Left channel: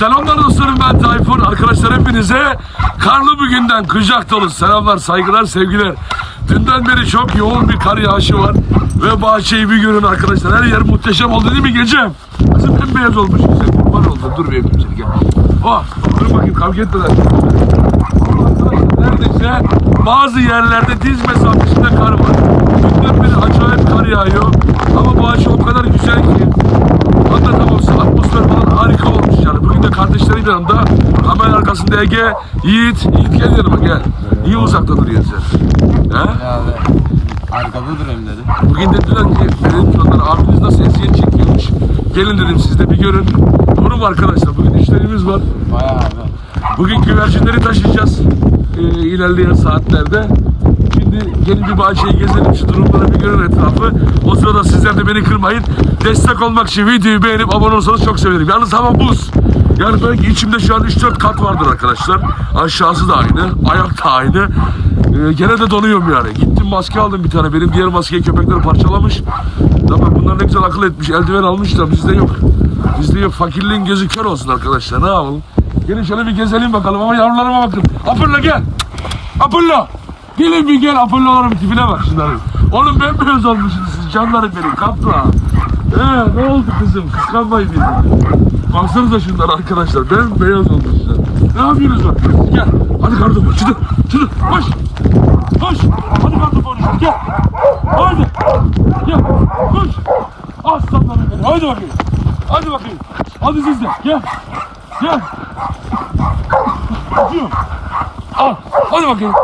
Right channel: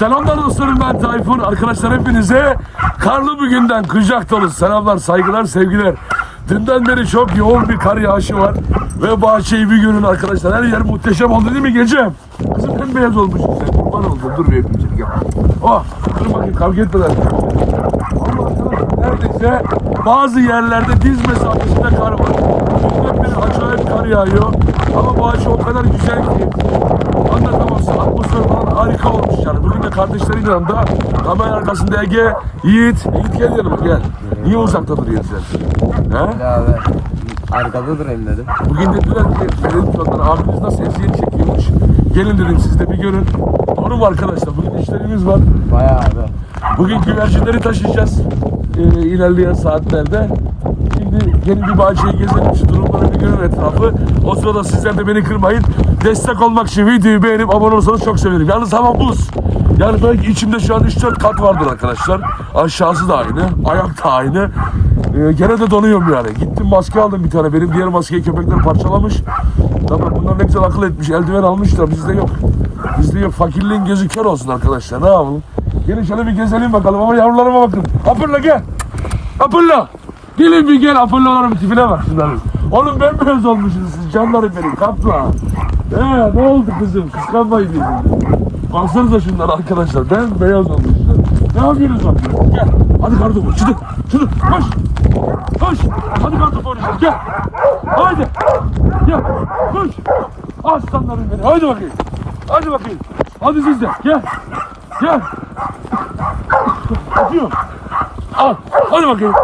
Selamlar dostlarım ben Tayfun. Arkadaşlar hepinize karlı bir günden kucak dolu selamlar, saygılar, sevgiler. Dünden beri çok yoğun bir kar yağışı var. Ve bahçeyi bir görün arkadaşlar. Her yer muhteşem oldu değil mi gecem? Kızım bembeyaz olmuş. Sen kurban oldun. Dur bir öpeyim seni gel. Oh, durun bakayım kavga etmeden. Vallahi arkadaşlar neredeyse bazı yerlerde diz mesafesinde kar var. Dünden beri acayip kar yağıyor. Ama bahçe o kadar güzel ki Anlatamam size atmosfer falan harika olmuş yani. Bugün de kardeşlerin yanında kamera arkasında Ege, Yiğit. Yiğit gel yanıma gel. Niye uzakta duruyorsun sen? Ha? Abi arkada durayım dedi. Bugün dediler ki verelim planları abiniz nasıl eziyet çekiyormuş. Gelin dedim siz de bir görün. Doğru mu arkadaşlar? Bugün işlerimiz var. Bayağı abi. Bugün güvercinleri taşıyacağız ee, ilerleyen saatlerde. Şimdi gelin bir bahçeyi gezelim, şu durumları bir görün etrafı. O sırada sizler de beni kırmayın. Destek olmak için videoyu beğenip abone olursanız çok sevinirim. Yalnız hava buz. Yani belki içimde şu an 3-4 kat vardır arkadaşlar. Aşağısı da aynı, ayak da aynı. Ee, gene de donuyorum yani. Gittim maske aldım bir tane. Benim diğer maskeyi köpekler parçalamış. Tabii bunlar ne güzel akıl etmiş. Eldiven almışlar. Bizde yok. Bizde yok. Fakirliğin gözü kör olsun arkadaşlar. Ne yapalım? Gelin şöyle bir gezelim bakalım ama yavrularıma bakın. Apırla gel. Apırla. Gelin bir gel Apırlaların tipine bak şunların. Oğlum bembeyaz olmuşsunuz siz canlarım benim kapla. Ee, ne oldu kızım? Kıskanmayın birbirini. Baksanıza şunlar arkadaşlar. Bembeyaz olmuşlar. Ne yapıyorsunuz bak? Gel. Hadi kartopu. Çıdır. Çıdır. Koş. Koş. Hadi kartopu oynayalım. Gel. Haydi. Gel. Koş. Aslanlarım benim. Haydi bakayım. Hadi bakayım. Hadi siz de. Gel. Gel. Atıyorum. Al. Hadi bakayım.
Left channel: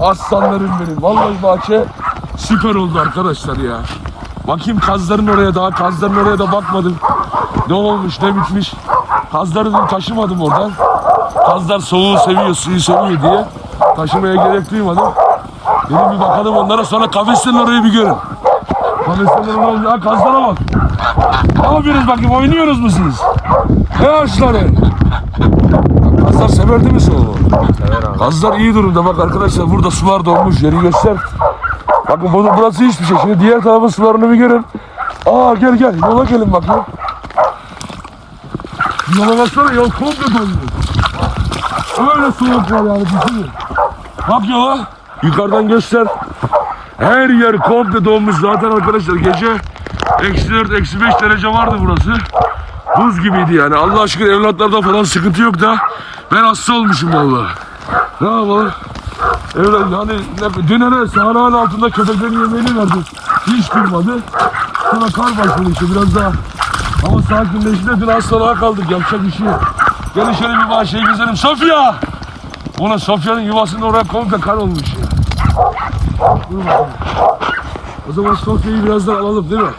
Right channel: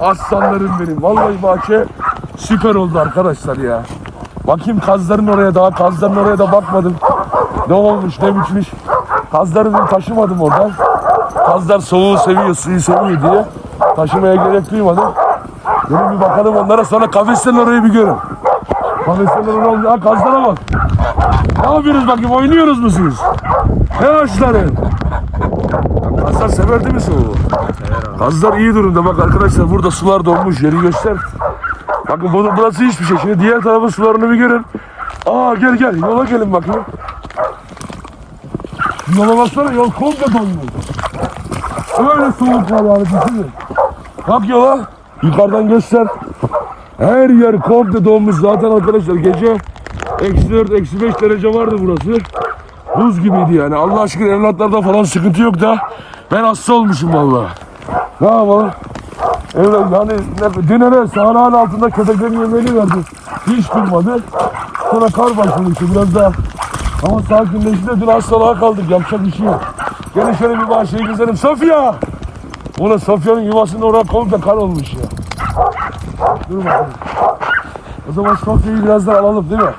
Aslanlarım benim. Vallahi bahçe süper oldu arkadaşlar ya. Bakayım kazların oraya daha kazların oraya da bakmadım. Ne olmuş ne bitmiş. Kazları da taşımadım oradan. Kazlar soğuğu seviyor, suyu seviyor diye. Taşımaya gerek duymadım. Gelin bir bakalım onlara sonra kafeslerin orayı bir görün. Kafeslerin orayı Ha kazlara bak. Ne yapıyorsunuz bakayım oynuyoruz mu siz? Ne açları? Kazlar sever değil mi soğuğu? Sever abi. Kazlar iyi durumda bak arkadaşlar burada sular donmuş yeri göster. Bakın bu, burası hiçbir şey. Şimdi diğer tarafın sularını bir görün. Aa gel gel yola gelin bakayım. Yola baksana yol komple donmuş. Öyle soğuk var yani düşünün. Bak yola yukarıdan göster. Her yer komple donmuş zaten arkadaşlar gece eksi 4 eksi 5 derece vardı burası. Buz gibiydi yani Allah aşkına evlatlarda falan sıkıntı yok da ben hasta olmuşum vallahi. Ne yapalım? Öyle yani dün hele sahanın altında köpeklerin yemeğini verdi. Hiç durmadı. Sonra kar başladı işte biraz daha. Ama sakinleşti dün hastalığa kaldık. Yapacak bir şey yok. Gelin şöyle bir bahçeyi gezelim. Sofya! Ulan Sofya'nın yuvasının oraya komple kar olmuş ya. Dur bakalım. O zaman Sofya'yı birazdan alalım değil mi?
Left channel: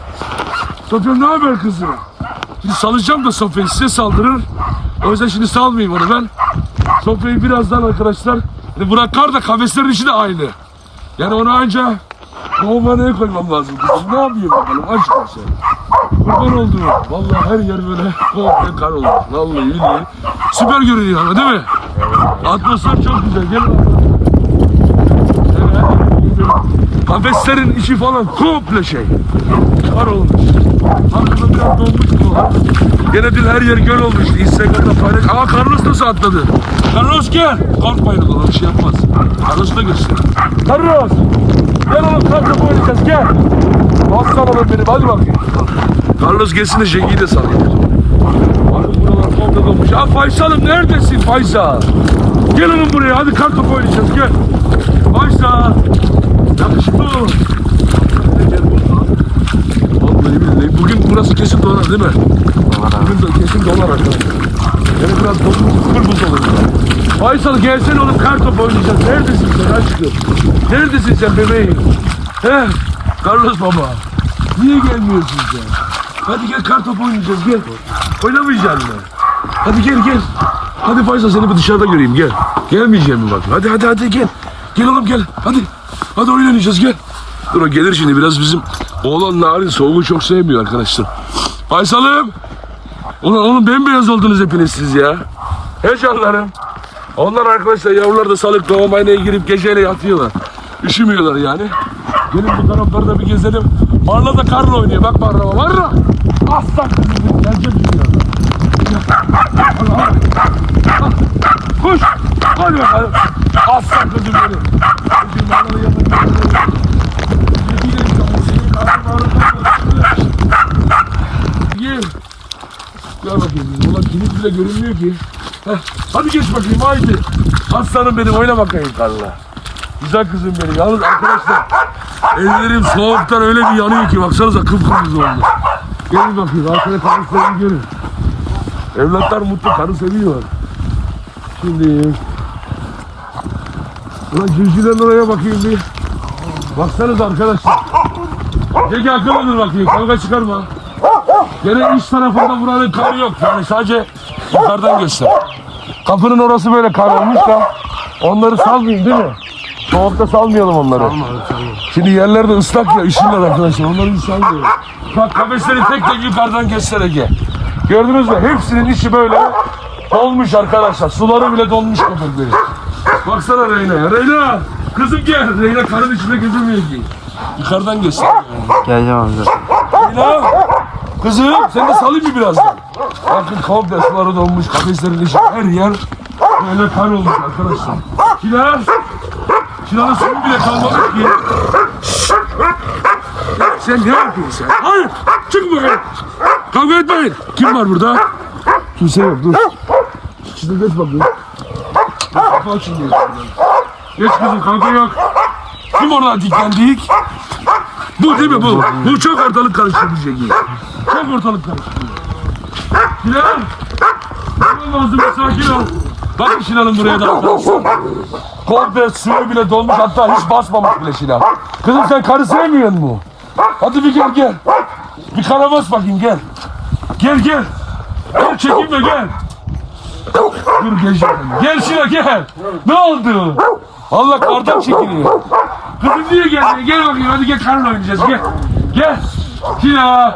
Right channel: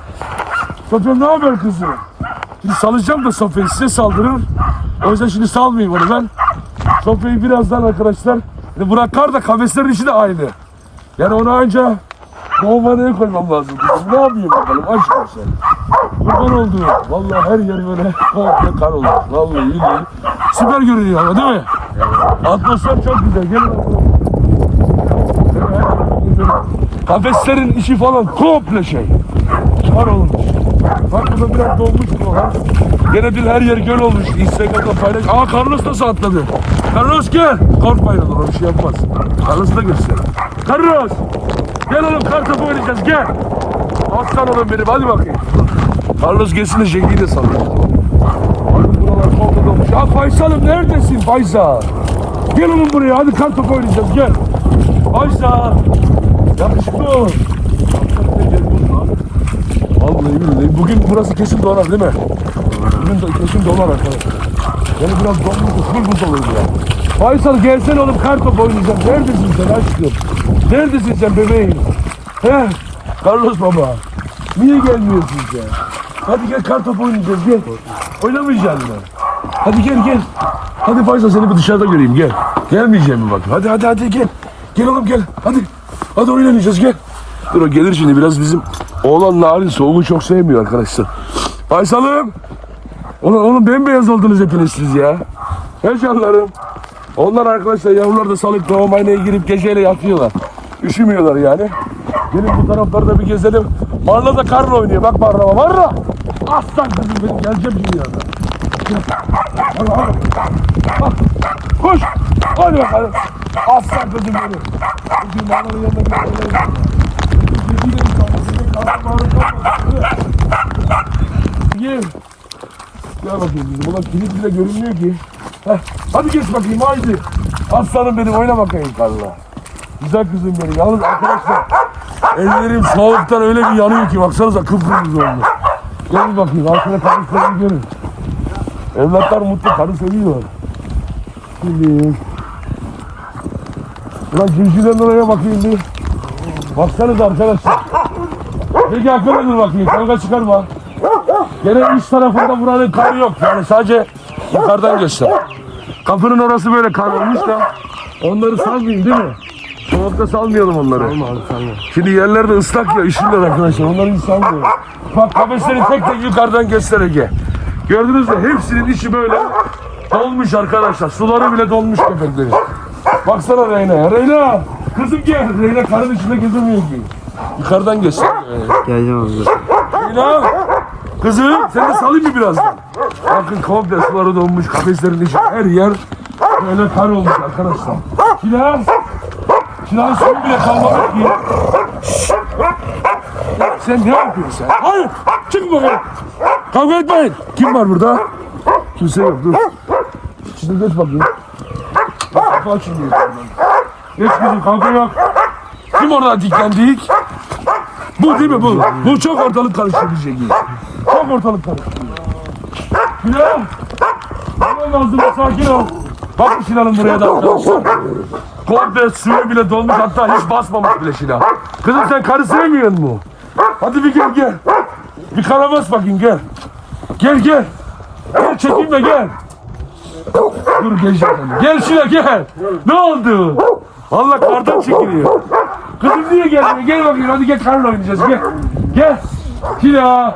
Sofya ne haber kızım? Şimdi salacağım da Sofya'yı size saldırır. O yüzden şimdi salmayayım onu ben. Sofya'yı birazdan arkadaşlar yani Burak Kar da kafeslerin içi de aynı. Yani onu anca doğumhaneye koymam lazım. Ne yapayım bakalım aşk olsun. Kurban oldu. Vallahi her yer böyle komple kar olmuş. Vallahi billahi. Süper görünüyor ama değil mi? Atmosfer çok güzel. Gelin arkadaşlar. Gezelim. Kafeslerin içi falan komple şey. Kar olmuş. Bak burada biraz dolmuş buralar. Gene dün her yer göl olmuş. Instagram'da paylaş. Aa Carlos nasıl atladı? Carlos gel. Korkmayın oğlum bir şey yapmaz. Carlos'u da göster. Carlos. Gel oğlum topu oynayacağız gel. Aslan oğlum benim hadi bakayım. Carlos gelsin de Jengi'yi de salayım. Bakın buralar komple dolmuş. Ya Faysal'ım neredesin Faysal? Gel oğlum buraya hadi kar topu oynayacağız gel. Faysal. Yakışıklı burada. Vallahi billahi bugün burası kesin dolar değil mi? Bugün de kesin dolar arkadaşlar. Yani biraz donmuş full buz olur yani. Faysal gelsene oğlum kar topu oynayacağız. Neredesin sen aşkım? Neredesin sen bebeğim? He? Carlos baba. Niye gelmiyorsun sen? Hadi gel kar topu oynayacağız gel. Oynamayacaksın mı? Hadi gel gel. Hadi Faysal seni bir dışarıda göreyim gel. Gelmeyeceğim mi bak? Hadi hadi hadi gel. Gel oğlum gel. Hadi. Hadi oynayacağız gel. Dur o gelir şimdi biraz bizim oğlan narin soğuğu çok sevmiyor arkadaşlar. Faysal'ım. Ulan oğlum bembeyaz oldunuz hepiniz siz ya. He canlarım. Onlar arkadaşlar yavrular da salık doğumayına girip geceyle yatıyorlar. Üşümüyorlar yani. Gelin bu taraflarda bir gezelim. Marla da karla oynuyor. Bak Marla Marla. Aslan kızım benim. Geleceğim dünyada. Hadi. Ah, Koş. Hadi bakalım. Aslan. Kızım ananın yanına bir yere. Kızım değil inşallah. Senin ağrı kalmasın. Gel. Gel bakayım kızım. Ulan kilit bile görünmüyor ki. Heh. Hadi geç bakayım haydi. Aslanım benim oyna bakayım karla. Güzel kızım benim. Yalnız arkadaşlar ellerim soğuktan öyle bir yanıyor ki baksanıza kıpkırmızı oldu. Gelin bakayım arkada karıslarını görün. Evlatlar mutlu karı seviyor. Şimdi Ulan cücüden oraya bakayım bir. Baksanıza arkadaşlar. Gel akıllı dur bakayım kavga çıkarma. Gene iç tarafında buranın karı yok yani sadece yukarıdan göster. Kapının orası böyle kar olmuş da onları salmayayım değil mi? Soğukta salmayalım onları. Alma abi tamam. Şimdi yerlerde ıslak ya üşürler arkadaşlar. Onları hiç sanmıyorum. Bak kafesleri tek tek yukarıdan göster Ege. Gördünüz mü? Hepsinin içi böyle dolmuş arkadaşlar. Suları bile dolmuş köpekleri. Baksana Reyna. Reyna! Kızım gel. Reyna karın içinde gezemiyor ki. Yukarıdan göster. Geleceğim zaten. Reyna! Kızım sen de salayım mı birazdan? Bakın komple suları dolmuş. Kafeslerin içi her yer böyle kar olmuş arkadaşlar. Şilan! Şilan'ın suyu bile kalmadı ki. Sen ne yapıyorsun sen? Hayır! Çık bakalım! Kavga etmeyin! Kim var burada? Kimse yok dur. Şimdi geç bakayım. Bak, Kapı açın diyor. Geç kızım kavga yok. Kim orada diklendik? Bu değil mi bu? Bu çok ortalık karıştırıcı. Çok ortalık karıştırıyor. Şilan! Tamam Mazlum sakin ol. Bakın Şilan'ın buraya da arkadaşlar. Komple suyu bile dolmuş hatta hiç basmamış bile Şilan. Kızım sen karı sevmiyor mu? Hadi bir gel gel. Bir kara bas bakayım gel. Gel gel. Gel çekinme gel. Dur gel. Gel Şilan gel. Ne oldu? Allah kardan çekiliyor. Kızım niye geldin? Gel bakayım hadi gel karla oynayacağız gel. Gel. Şila.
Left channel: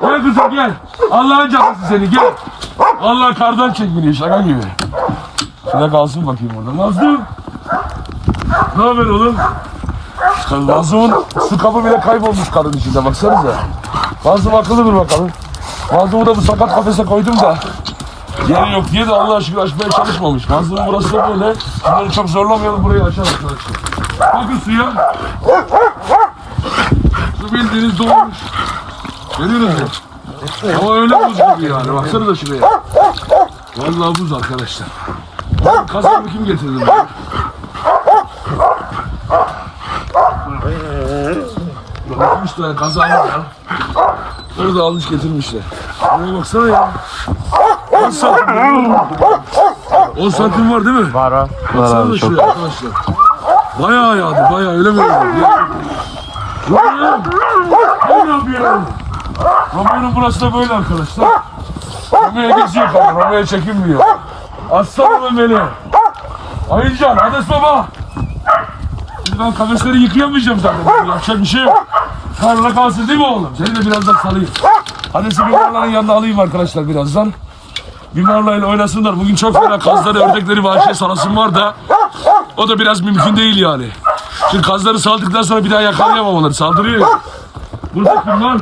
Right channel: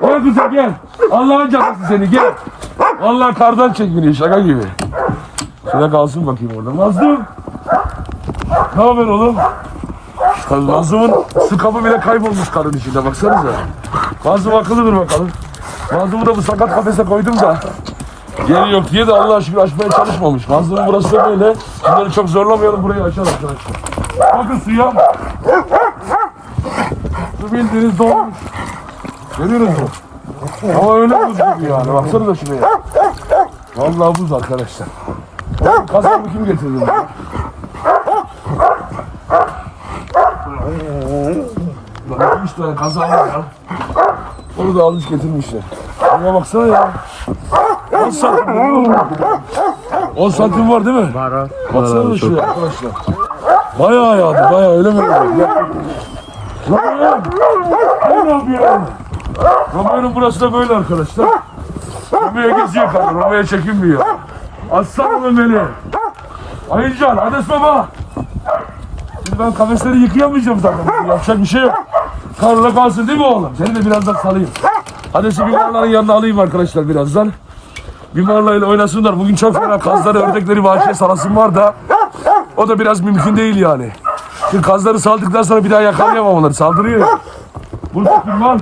Gel kızım gel. Allah'ın cadısı seni gel. Vallahi kardan çekiliyor şaka gibi. Şuna kalsın bakayım orada. Nazlım. Ne haber oğlum? Nazlım'ın su kabı bile kaybolmuş karın içinde baksanıza. Nazlım akıllıdır bakalım. Nazlım'ı da bu sakat kafese koydum da. Yeri yok diye de Allah aşkına açmaya çalışmamış. Nazlım'ın burası da böyle. Bunları çok zorlamayalım burayı açalım arkadaşlar. Bakın suya. Su bildiğiniz dolmuş. Görüyoruz mu? Ama öyle buz gibi yani. Baksana da şuraya. Vallahi buz arkadaşlar. Oğlum kasabı kim getirdi bunu? Üç tane kaza var ya. Onu da almış getirmişler. Ona baksana ya. 10 santim. 10 santim var değil mi? Var var. Baksana da şuraya arkadaşlar. Bayağı yağdı bayağı öyle mi? Ya. Ne yapıyorsun? Romayan'ın burası da böyle arkadaşlar. Roma'ya geziyor kanka, Roma'ya çekinmiyor. Aslanım beni. Ayıcan, Hades baba. Şimdi ben kafesleri yıkayamayacağım zaten. Yapacak bir şey yok. Karla kalsın değil mi oğlum? Seni de birazdan salayım. Hades'i Bimarların yanına alayım arkadaşlar birazdan. Bimarla ile oynasınlar. Bugün çok fena kazları, ördekleri, vahşiye salasım var da o da biraz mümkün değil yani. Şimdi kazları saldıktan sonra bir daha yakalayamam onları. Saldırıyor ya. Burada kim var?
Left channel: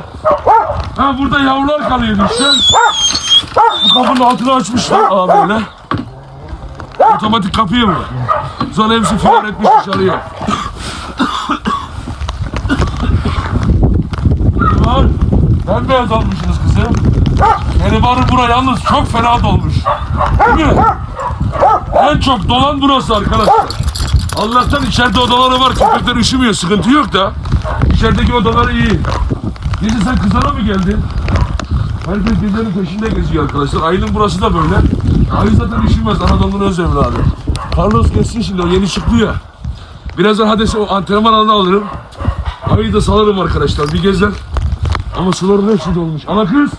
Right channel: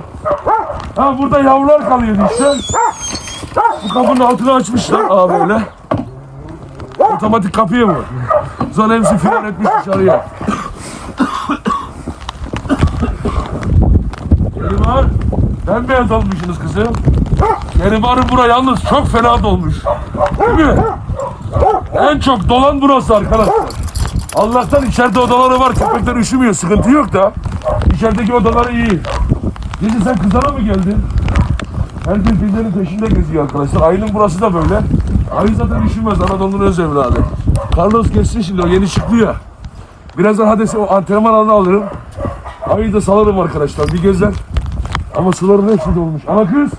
Ha burada yavrular kalıyor işte. Bu kapının altını açmışlar. Aa böyle. Otomatik kapıyı mı? Sonra hepsi filan etmiş dışarıya. Geribar. Bembeyaz almışsınız kızım. Geribar'ın bura yalnız çok fena dolmuş. Değil mi? En çok dolan burası arkadaşlar. Allah'tan içeride odaları var. Köpekler üşümüyor. Sıkıntı yok da. İçerideki odaları iyi. Gece sen kızana mı geldin? Herkes gecenin peşinde geziyor arkadaşlar. Ayının burası da böyle. Ayı zaten üşümez. Anadolu'nun öz evladı. Carlos geçsin şimdi. O yeni çıktı ya. Birazdan Hades'i o antrenman alanına alırım. Ayı da salarım arkadaşlar. Bir gezer. Ama suların hepsi dolmuş. Ana kız.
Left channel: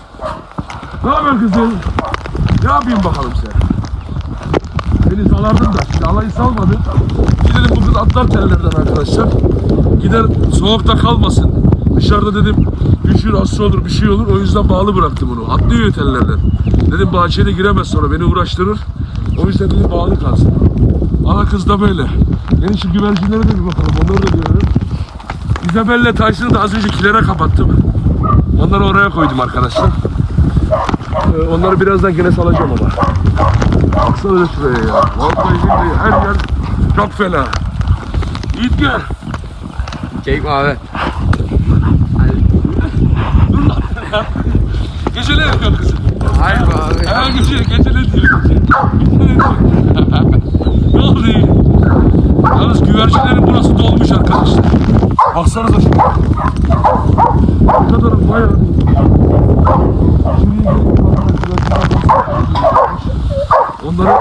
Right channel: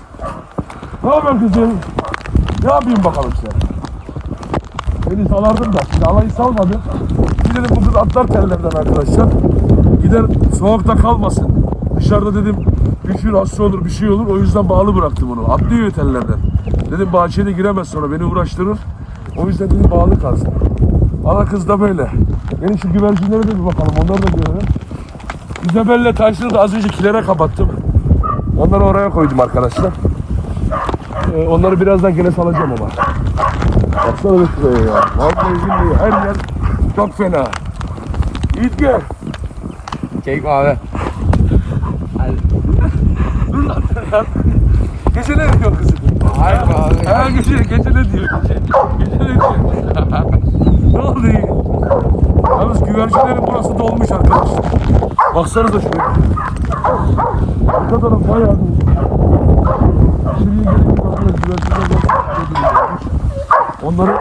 Ne haber kızım? Ne yapayım bakalım sen? Beni salardım da. Şimdi alayı salmadı. Gidelim bu kız atlar tellerden arkadaşlar. Gider soğukta kalmasın. Dışarıda dedim üşür hasta olur bir şey olur. O yüzden bağlı bıraktım onu. Atlıyor tellerden. Dedim bahçeye de giremez sonra beni uğraştırır. O yüzden dedim bağlı kalsın. Ana kız da böyle. Gelin şu güvercinlere de bir bakalım. Onları da görelim. İzabelle Tyson'ı da az önce kilere kapattım. Onları oraya koydum arkadaşlar. Ee, onları birazdan gene salacağım ama. Baksana da şuraya ya. Vallahi billahi her yer çok fena. Yiğit gel. Keyif abi. Dur lan ya. Diyor kızım? Hayır be abi. Ha gece, gece ne diyor? Gece, diyor? ne oldu iyi? Yalnız güvercinlerin burası dolmuş arkadaşlar. Baksanıza şuraya. Arka taraf bayağı dolmuş. Şuraya gelip Onları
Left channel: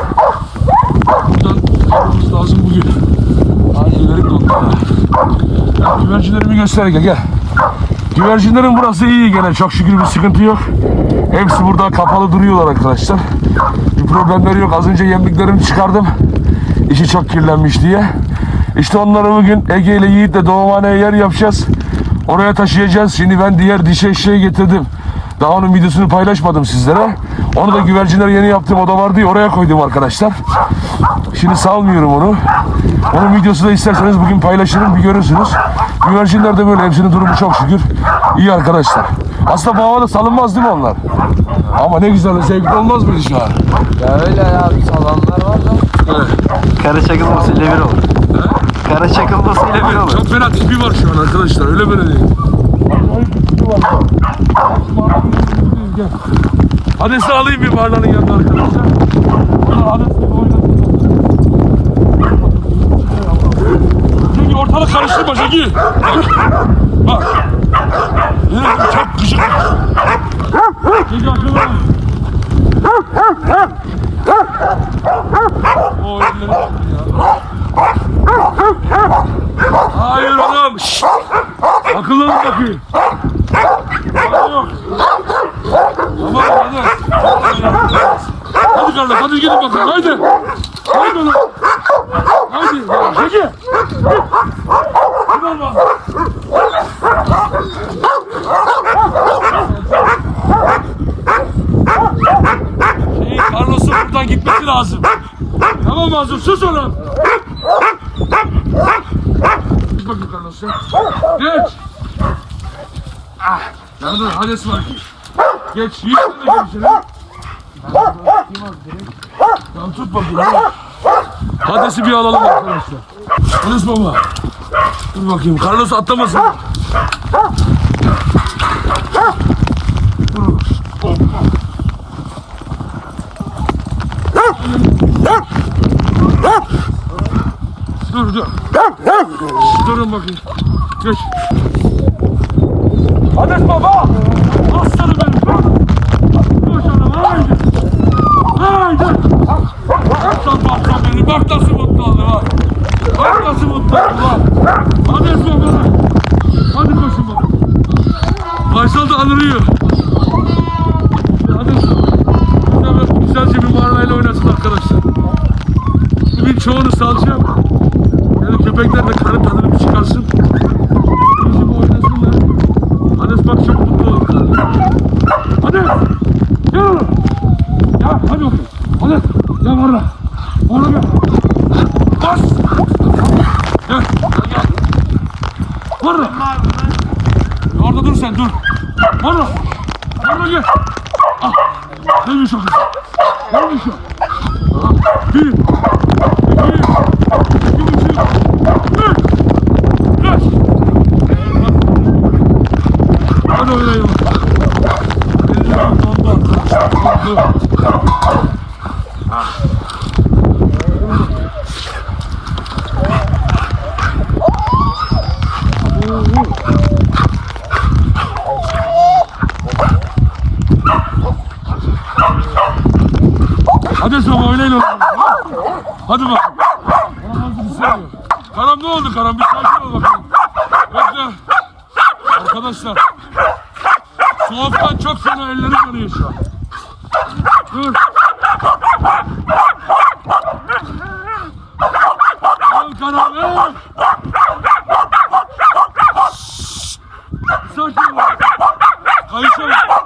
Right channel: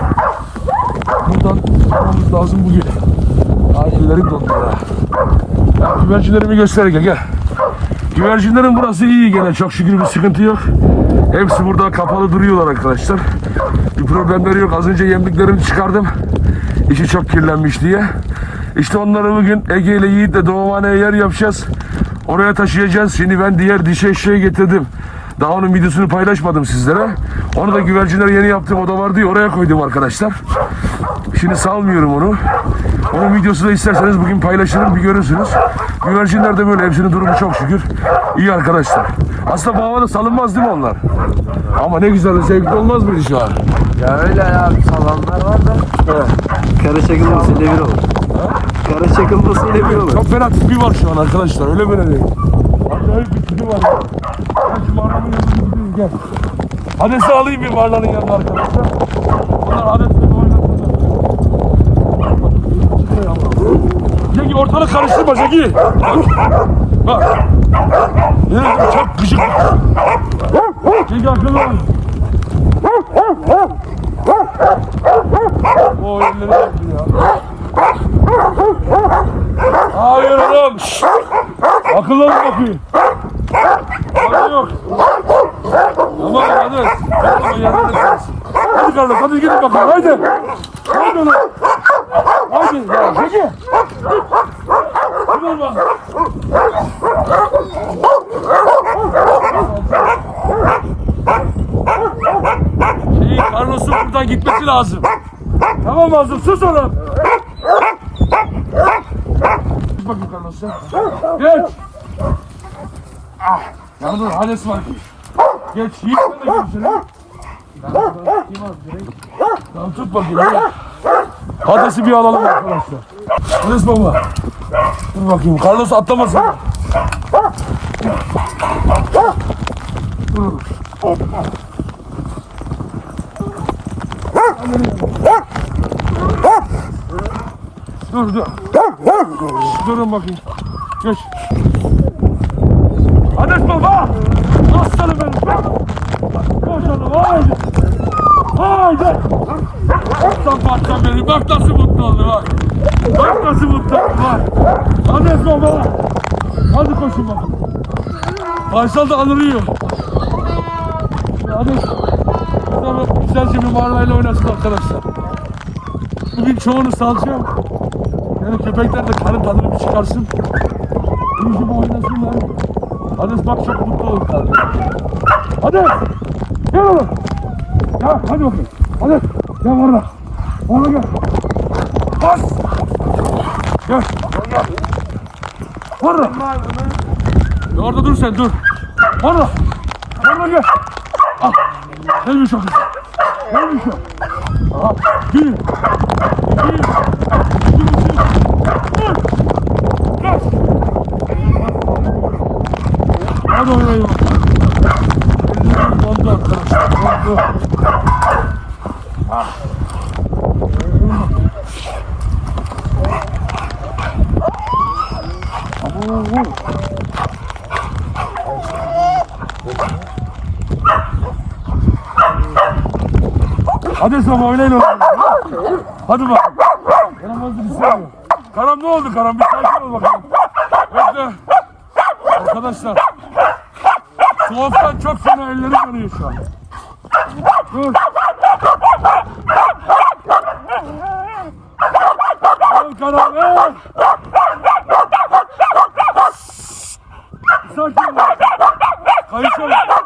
buradan çıkarmamız lazım bugün. Ellerim dondu ha. Ya, güvercinlerimi göster gel gel. Güvercinlerin burası iyi gene çok şükür bir sıkıntı yok. Hepsi burada kapalı duruyorlar arkadaşlar. Bir problemleri yok. Az önce yemliklerini çıkardım. İçi çok kirlenmiş diye. İşte onları bugün Ege ile Yiğit'le doğumhaneye yer yapacağız. Oraya taşıyacağız. Şimdi ben diğer dişi eşeği getirdim. Daha onun videosunu paylaşmadım sizlere. Onu da güvercinler yeni yaptığım oda var diye oraya koydum arkadaşlar. Şimdi salmıyorum onu. Onun videosu da isterseniz bugün paylaşırım bir görürsünüz. Güvercinler de böyle hepsinin durumu çok şükür. iyi arkadaşlar. Aslında bu havada salınmaz değil mi onlar? Ama ne güzel zevkli olmaz mıydı şu an? Ya öyle ya bir salanlar var da. Kara çakılmasıyla bir olur. Kara çakılmasıyla bir olur. Çok fena tipi var şu an arkadaşlar öyle böyle değil. Acayip bir tipi var. gel. Alayım bir varlanın yanına arkadaşlar. Onlar Hades'le oynasınlar. Zeki ortalık karıştırma Zeki. Bak. Ya, çok gıcık. Zeki akıllı ol. O elleri yaptı ya. Hayır oğlum. Akıllı ol bakayım. Hadi yok. Tamam hadi. Hadi kardeş hadi gidin bakalım haydi. Haydi oğlum. Haydi ya Zeki. Hadi oğlum. Lazım. Tamam Mazlum sus oğlum. Geç bakayım Carlos'a. Geç. Ah, yanında Hades var. Geç, yiğit de içeri. Tamam tut bakayım. Hades'i bir alalım arkadaşlar. Hades baba. Dur bakayım, Carlos atlamasın. Dur. Hoppa. Dur dur. Durun bakayım. Geç. Hades baba. Aslanım benim. Koş. Oğlum haydi. Haydi. Aslan parçam benim. Bak nasıl mutlu oldu bak. Bak nasıl mutlu oldu bak. Hades baba. Hadi koşun bak. Faysal da anırıyor. Hades. Güzelce bir marlayla oynasın arkadaşlar. Bugün çoğunu salacağım. Yani köpekler de karın tadını bir çıkarsın. Bir oynasınlar. Hades bak çok mutlu olur kardeşim. Hadi. Gel oğlum. Ya hadi bakayım. Hadi. Gel orada. Orada gel. Bas. Gel. Gel gel. Orada. Ya orada dur sen dur. Orada. Orada gel. Ah. Neymiş o kız? Neymiş o? Aha. Bir. İki. İki buçuk. Üç. Beş. Hadi oynayalım. Ellerim dondu arkadaşlar. Dondu. Ah. Hadi sabah oynayın oğlum. Hadi bak. Karam oldu bir şey Karam ne oldu Karam? Bir sakin ol bakalım. Bekle. Arkadaşlar. Soğuktan çok fena ellerim yanıyor şu an. Dur. Al Karam. Al. Sakin ol. Kayışa bak.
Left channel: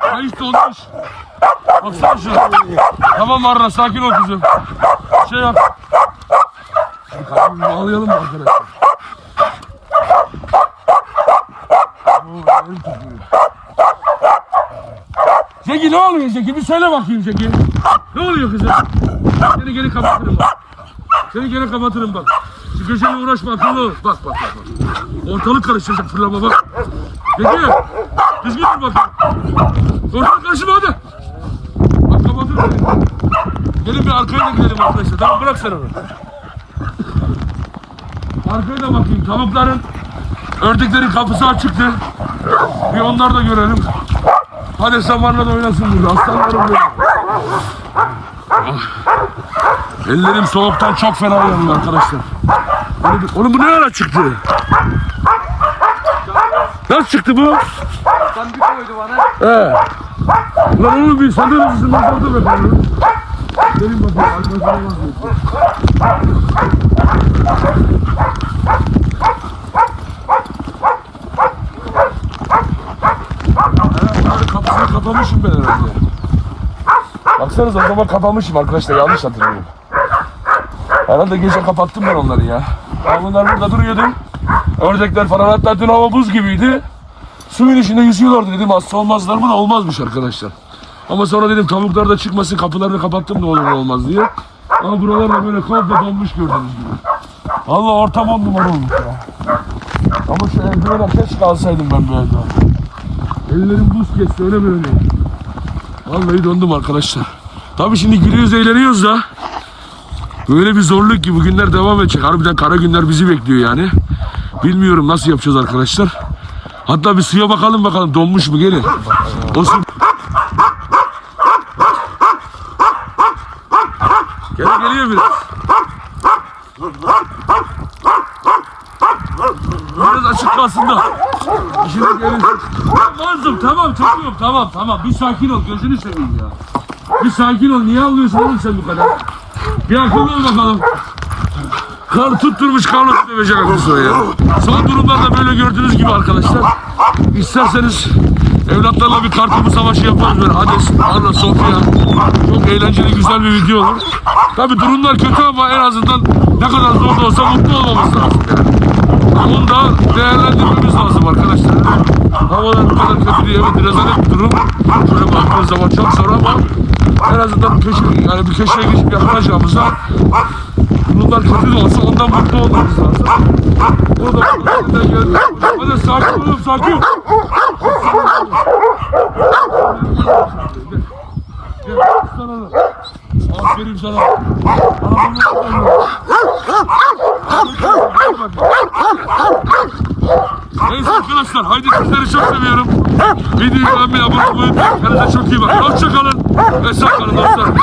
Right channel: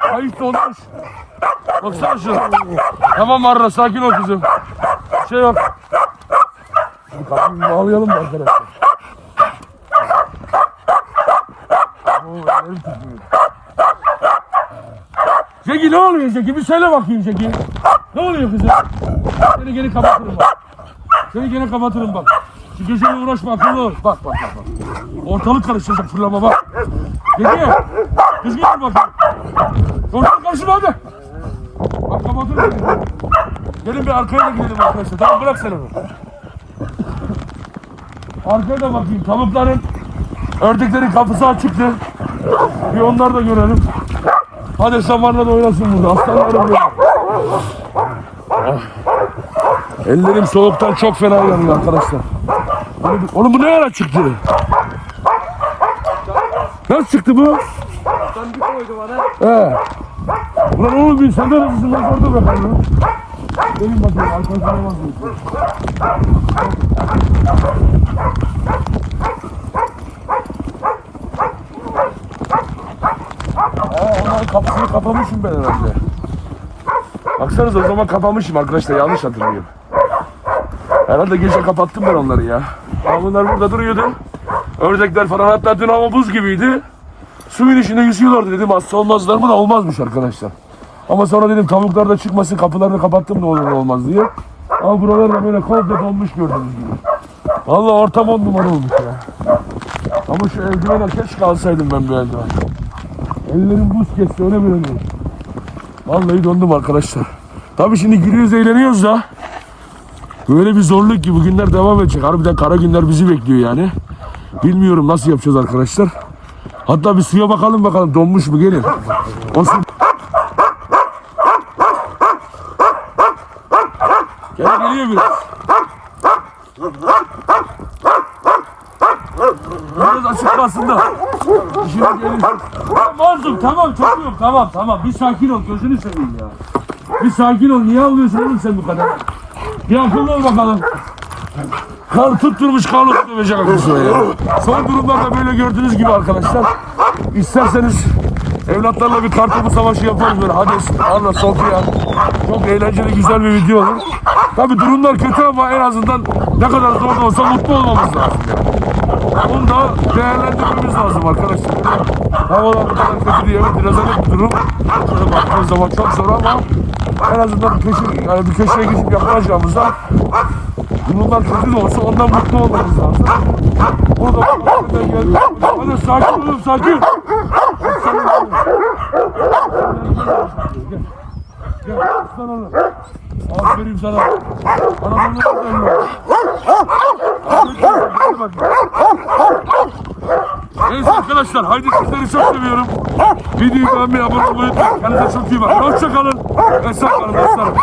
Kayış dolmuş. Baksana şuna. Tamam Arra sakin ol kızım. Şey yap. Bir kapıyı bağlayalım mı arkadaşlar? Zeki ne oluyor Zeki? Bir söyle bakayım Zeki. Ne oluyor kızım? Seni geri kapatırım bak. Seni geri kapatırım bak. Şu köşeyle uğraşma akıllı ol. Bak bak bak. bak. Ortalık karışacak fırlama bak. Zeki. Düzgün dur bakayım. Ortalık karışma hadi. Gelin bir arkaya da gidelim arkadaşlar. Tamam bırak sen onu. Arkaya da bakayım. Tavukların, ördeklerin kapısı açıktı. Bir onları da görelim. Hadi samanla da oynasın burada. Aslanlarım benim. Ah. Ellerim soğuktan çok fena yanıyor arkadaşlar. Oğlum, oğlum bu ne ara çıktı? Nasıl çıktı bu? Bir koydu bana. He. Ulan oğlum bir senden hızlısından kaldı be kardeşim. Arkadaşına bakayım. He onların kapısını kapamışım ben herhalde. Baksanıza o zaman kapamışım arkadaşlar yanlış hatırlıyorum. Herhalde gece kapattım ben onları ya. Ya bunlar burada duruyordu. Ördekler falan hatta dün hava buz gibiydi. Suyun içinde yüzüyorlardı dedim hasta olmazlar mı da olmazmış arkadaşlar. Ama sonra dedim tavuklar da çıkmasın kapılarını kapattım da olur ne olmaz diye. Ama buralar da böyle komple donmuş gördüğünüz gibi. Valla ortam on numara olmuş ya. Ama şu eldivene keşke alsaydım ben bu eldiven. Ellerim buz kesti öyle böyle. Vallahi döndüm arkadaşlar. Tabii şimdi gülüyoruz eğleniyoruz da. Böyle bir zorluk ki bugünler devam edecek. Harbiden kara günler bizi bekliyor yani. Bilmiyorum nasıl yapacağız arkadaşlar. Hatta bir suya bakalım bakalım donmuş mu gelin. O su... Gel geliyor biraz. Biraz açık kalsın da. İşine gelir. Mazlum tamam çocuğum tamam tamam. Bir sakin ol gözünü seveyim ya. Bir sakin ol. Niye ağlıyorsun oğlum sen bu kadar? Bir akıllı ol bakalım. Kar tutturmuş karnı dövecek akıllı ya. Son durumlarda böyle gördüğünüz gibi arkadaşlar. İsterseniz evlatlarla bir kartopu savaşı yaparız böyle. Hades, Anna, Sofya. Çok eğlenceli güzel bir video olur. Tabi durumlar kötü ama en azından ne kadar zor da olsa mutlu olmamız lazım yani. Onu da değerlendirmemiz lazım arkadaşlar. Havalar bu kadar kötü diye evet rezalet bir durum. Şöyle baktığınız zaman çok zor ama en azından köşe, yani bir köşeye geçip yakınacağımızda Bunlar kötü de olsa ondan mutlu olmamız lazım. O da geldi. Hadi sakin olun sakin. Gel, sana da. Aferin sana. Bana bunu Neyse arkadaşlar haydi sizleri çok seviyorum. Videoyu beğenmeyi abone olmayı. Kendinize çok iyi bakın. Hoşçakalın. Ve sağ kalın dostlarım.